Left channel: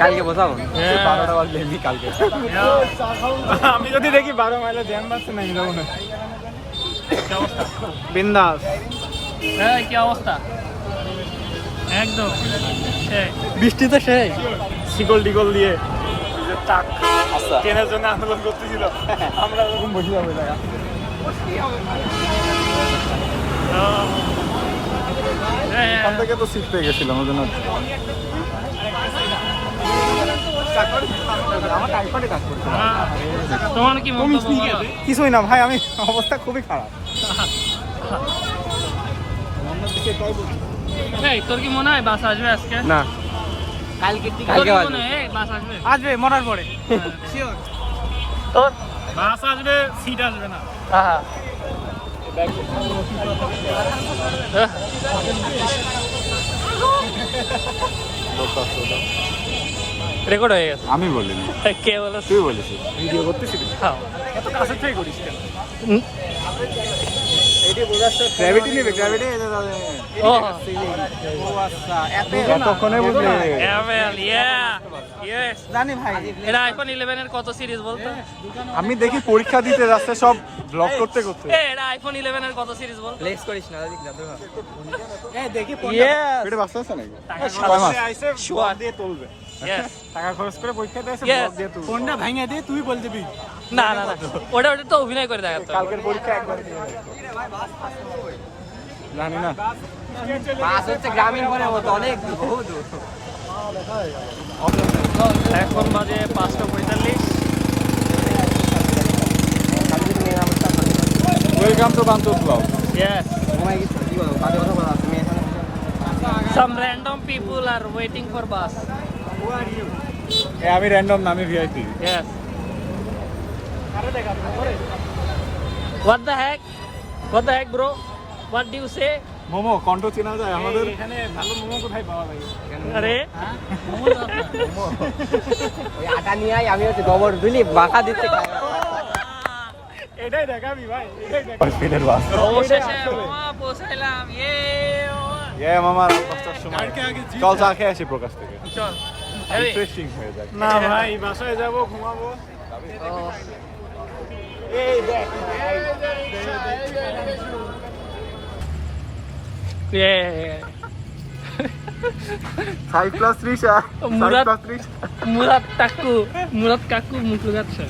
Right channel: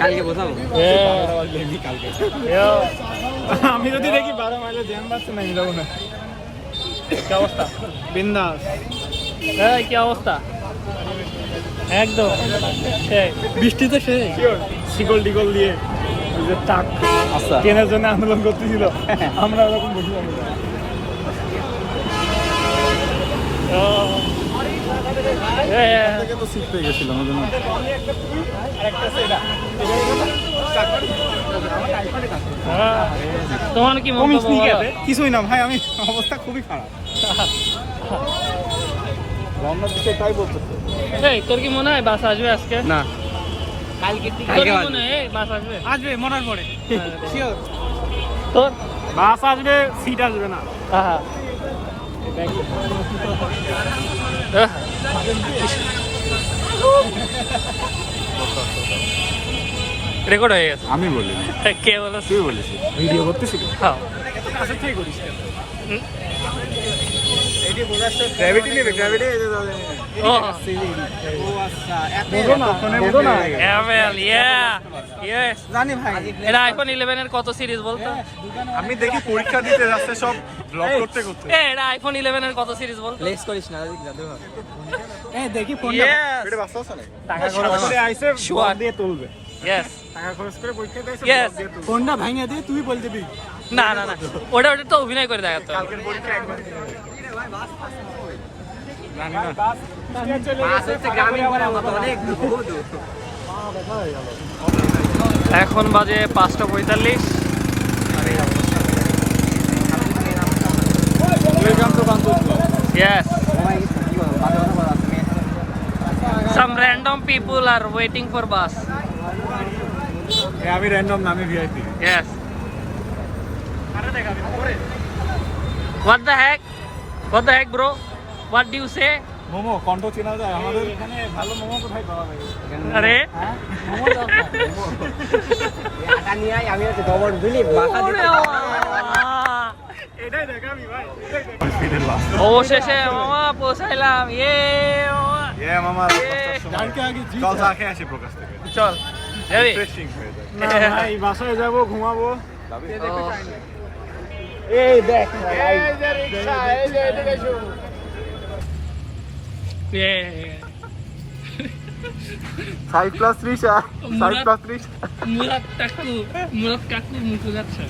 কালকে বসাবো আমি যদি দেখি 12 মাইলে ধ্যান পাচ্ছে না যাবো না। বিন্দাস। হ্যাঁ কি অবস্থা? একদম বৃষ্টিতে সেই শিকল টিকল দিয়ে ওই যে টাক কেনার জন্য আন্দোলন করতেছিল, আমরা ওরকম বসে যাবো। এখান থেকে তো সিট পেয়ে গেছিলাম ওই জন্য। তোমার কি কিছুই না ভাই, আমি অবস্থা খুবই খারাপ। রান্নার দিকে তাই বলতো। তোর কি মনে হয় বাস আসবে আজকে? না, কালকে বাস আসবে? আসবে মরার পরে শিওর। তোর বাস আসবে, সিট আসবে না। হ্যাঁ রেকর্ড হয়ে গেছে। আমি বলিনি, কে বলে? তুই বলেছিস। ভিডিও করতেছিলি? হ্যাঁ। এত কাছে থেকে করিস কেন? গ্র্যাভিটি নেবে, গ্র্যাভিটি। ও আচ্ছা, বুঝো না, বুঝো না। জানি ভাই। এটা আইফোন 11 এর কত সিরিজ বলতো? আমি দেখি পরীক্ষা দিতে যাচ্ছে সব ব্লগ করতে করতে। এটা আইফোন 11 এর কত সিরিজ বলতো? লেক্স করিস না দাদি, জাদু ভাই। দেখি Yes. এটা বাচ্চা আছে নাকি? Sure. দিয়ে তুলবে। Yes. টাকা খরচ করে পরীক্ষা দিয়েছে, Yes. দিয়ে তুলবে। কোনটা ভাঙা দিয়ে তুই বল দিবি। না না না, ওটা তো অভিনয় করে দেখাতো। কালকের পরীক্ষা একবার দিয়ে এখন বাজে 5:45। Welcome to Bantar blog. Yes. Some random people are waiting for bus. আমি র্যান্ডম না, আমি VIP. Yes. What the heck? What the heck, bro? What do you say? Momo কণ্ঠ চেনা যায় আমাদের এখানে? ভালো মোমো কোথায় পাওয়া যায়? আরে আটা নিয়ে আমি হচ্ছে গোবর দিলি বাসা দিতে। এটাই দেখাবি ভাই। অবশেষে মামা পৌঁছাইলাম। মামা মামা রাত 5টার সময়। চল চা খেয়ে আসি প্রকাশ থেকে। চল যাবি? রিফ্রেশিং হয়ে যায়। না ভাই, বাসায় যাবো, ঘুমাবো। ও এই দেখ সাইড প্লাস 3 মুরাদ কাকু মুখে যাচ্ছে।